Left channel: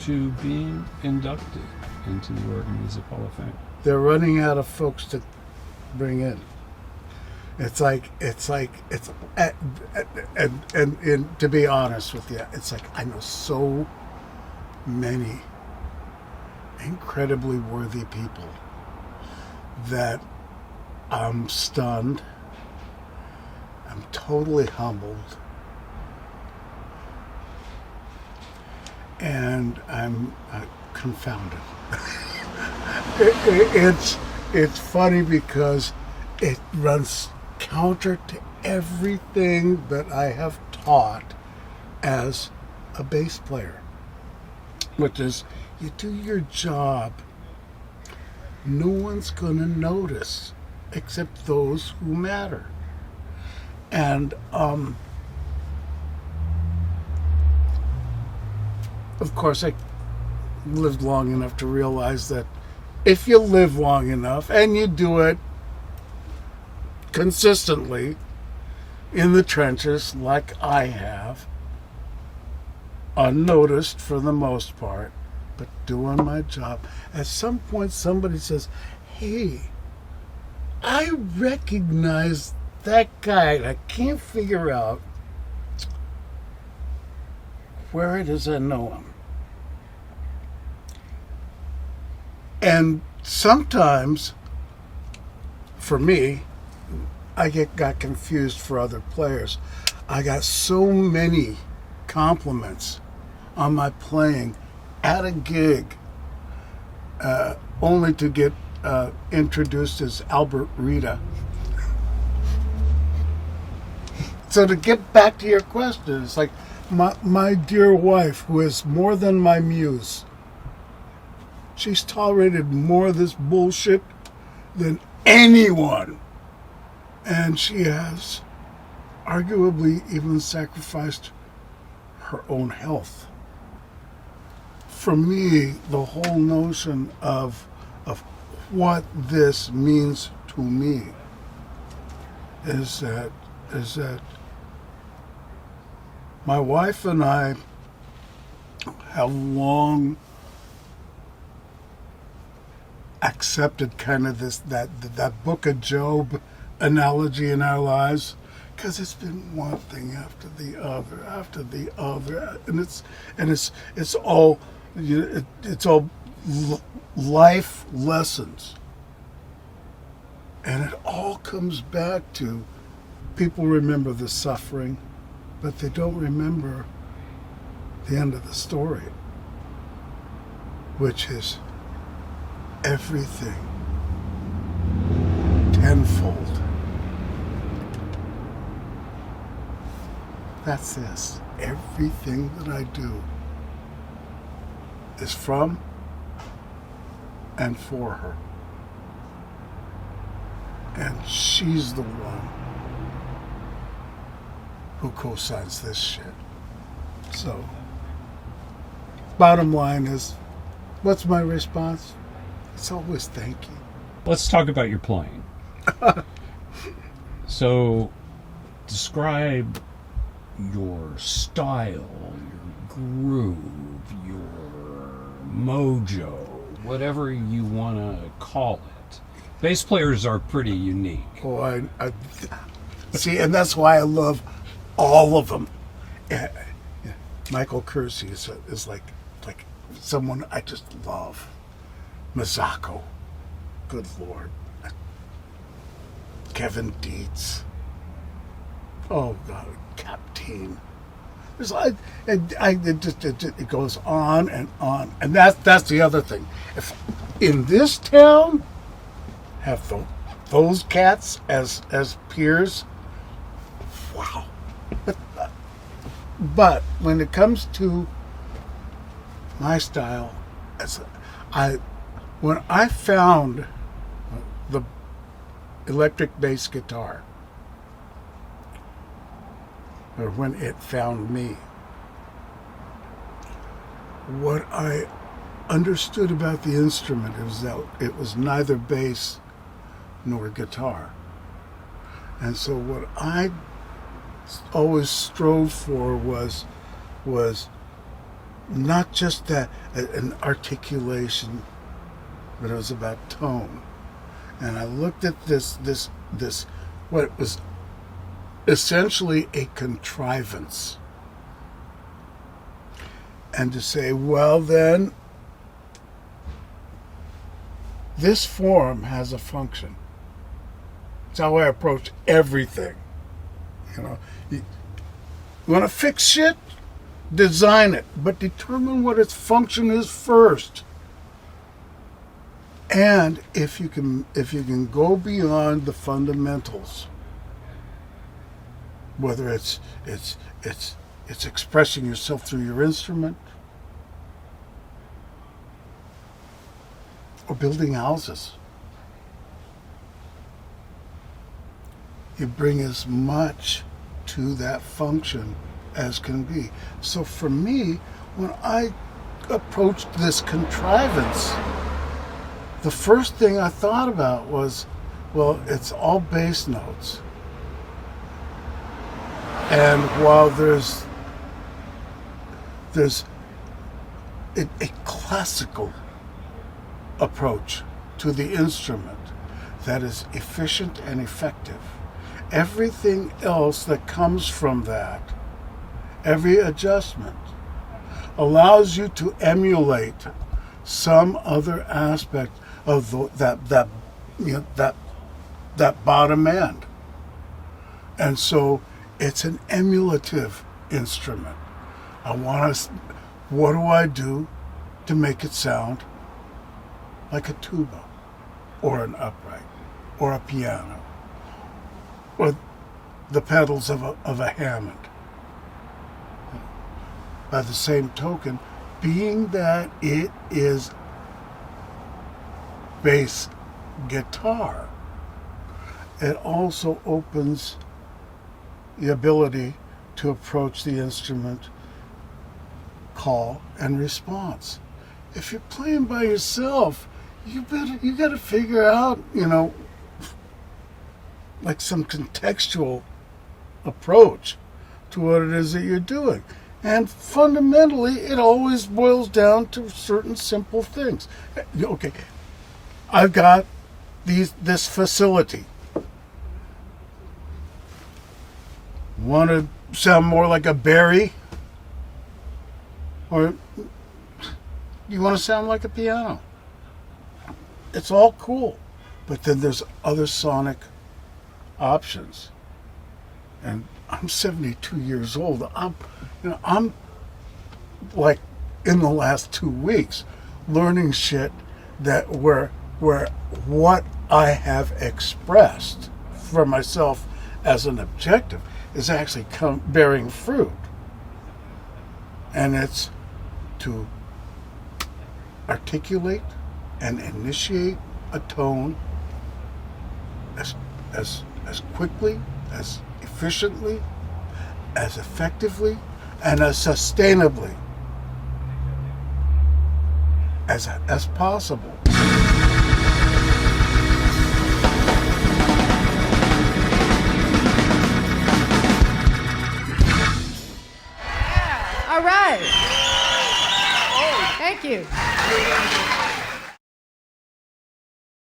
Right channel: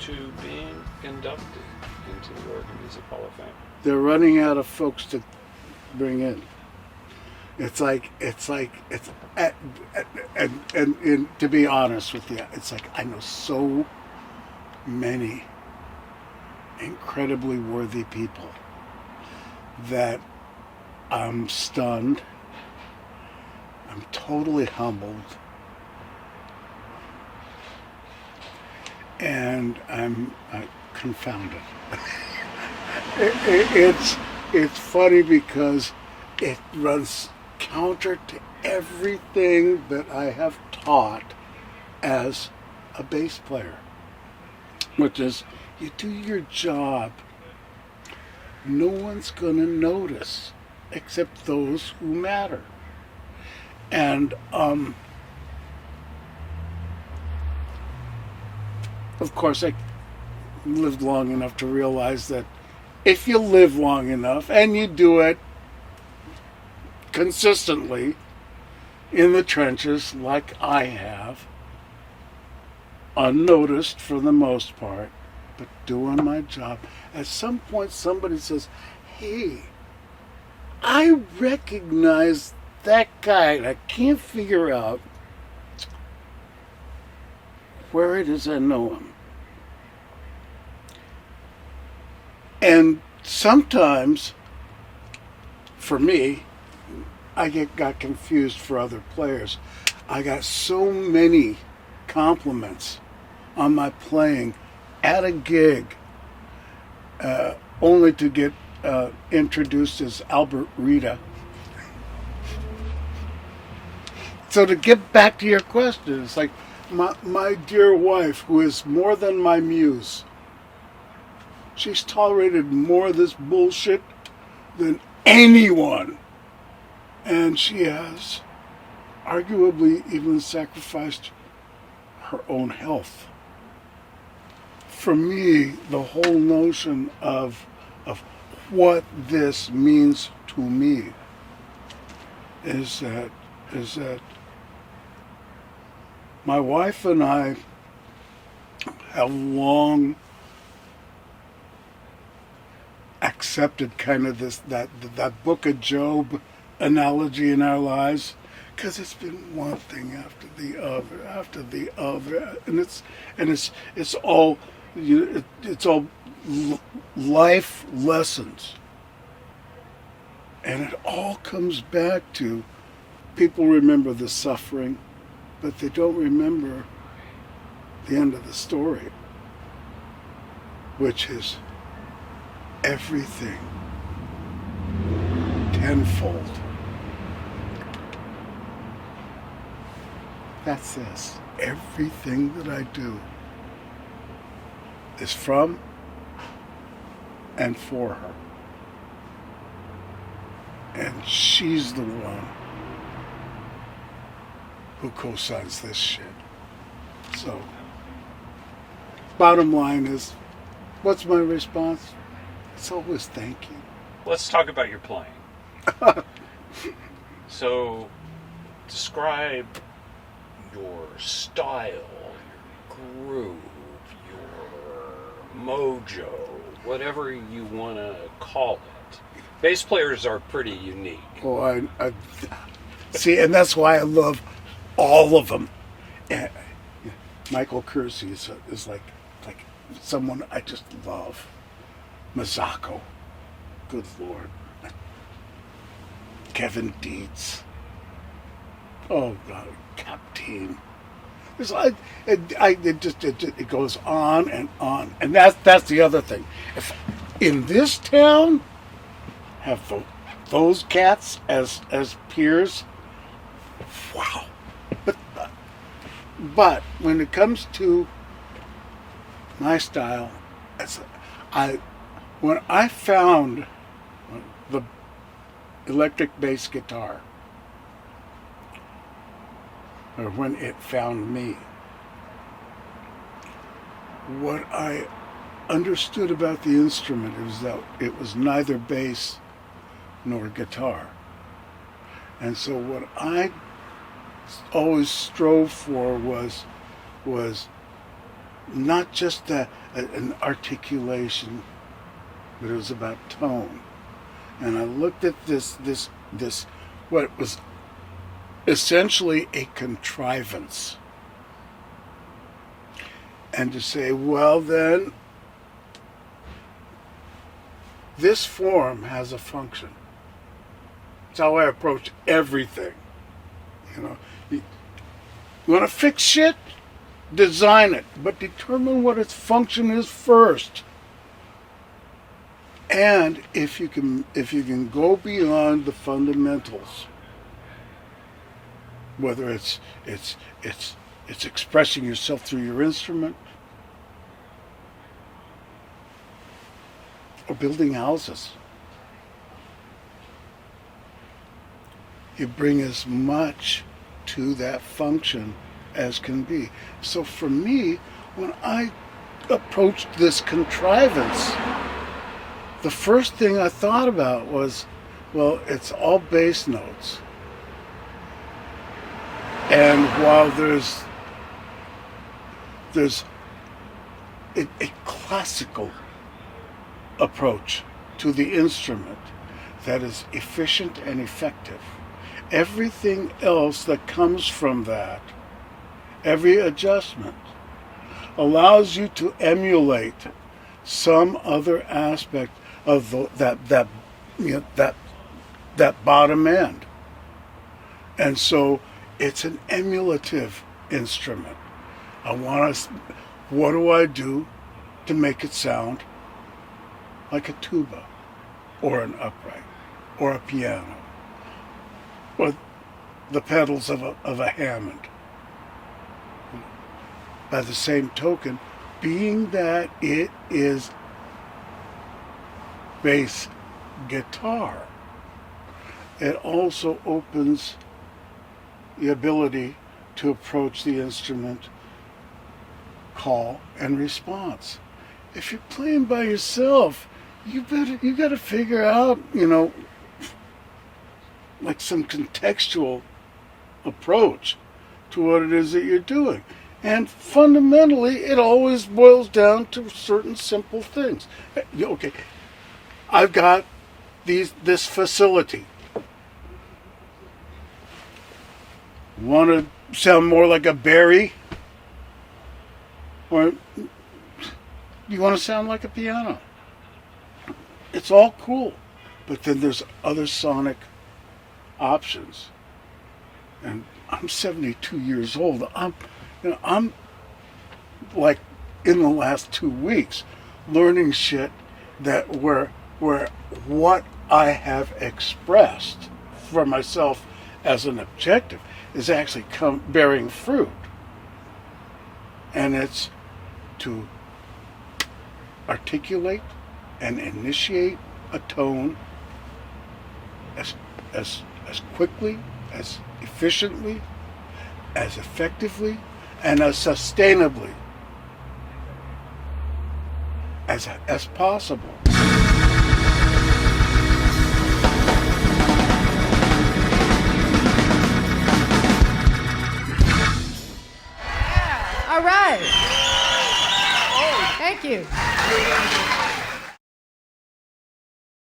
to being inducted into the Oregon Music Hall of Fame? They're running out of folks to bring in. It's and to be honest with you, it's like I know so many incredibly worthy people that I'm stunned. I'm totally humbled. And I'm confounded. It's funny because it runs counter to everything that I have taught as a bass player, which is you do your job. No one's going to notice except those who matter. And of course, I lived long enough to realize that if you live long enough and you do it consistently in the trenches like I have, unnoticed for the most part, but doing my job, at some point somebody says, hey, I recognize that guy and I can't figure out where it is I know him. And sometimes, for me, I got confused for other players. I got so many compliments on my playing at a gig, only to get introduced as Albert Rita. So to get back to your question, it's like my dear wife, who is more than my muse, she's tolerated more of this bullshit than anyone. And she has arguably even sacrificed her own health. For me, the whole notion of what this means to me is that my wife and I have long accepted kind of that Book of Job analogy in our lives, because it's been one thing after the other, and it's all life lessons, and it all comes back to people remember the suffering, but they don't remember the end of the story, which is everything tenfold. That's this. Everything that I do is from and for her. And she's the one who co-signs this shit. So, bottom line is, what's my response? It's always thank you. Let's talk about your playing. So, describe your style, your groove, your mojo, whatever you want to call it. Bass players are pretty unique. Oh, I see, and that's why I love all of them. Michael Kersey is like someone I just love. Mazzocco, good Lord. Kevin Dietz. Oh God, Captain. It's like it goes on, and that's the other thing. If in this town have those cats as peers, wow. But when it comes to my style, when I found the electric bass guitar, or when it found me, what I understood about the instrument is that it was neither bass nor guitar. And so what I always strove for was not just an articulation, but it was about tone. And I looked at this what was essentially a contrivance, and to say, well, then this form has a function. It's how I approach everything. You want to fix shit? Design it, but determine what its function is first. And if you can go beyond the fundamentals, whether it's expressing yourself through your instrument, or building houses, you bring as much to that function as can be. So for me, when I approached this contrivance, the first thing I thought about was, well, it's all bass notes. And while there's a classical approach to the instrument that is efficient and effective, everything else that comes from that, every adjustment, allows you to emulate some other aspect of that bottom end. And so it's an emulative instrument. What do I do to make it sound like a tuba, or an upright, or a piano, or the pedals of a Hammond? By the same token, being that it is bass guitar, it also opens the ability to approach the instrument call and response. If you're playing by yourself, you got to figure out, like some contextual approach to what it is that you're doing. And fundamentally, it always boils down to certain simple things. Okay, I've got this facility. Want to sound more like a Barry? Or do you want to sound like a piano? It's all cool. But then there's other sonic options. And I'm 72 years old. I'm like in the last 2 weeks learning shit that where what I have expressed for myself as an objective is actually bearing fruit. And it's to articulate and initiate a tone as quickly, as efficiently, as effectively, and as sustainably as possible. All right. Thank you.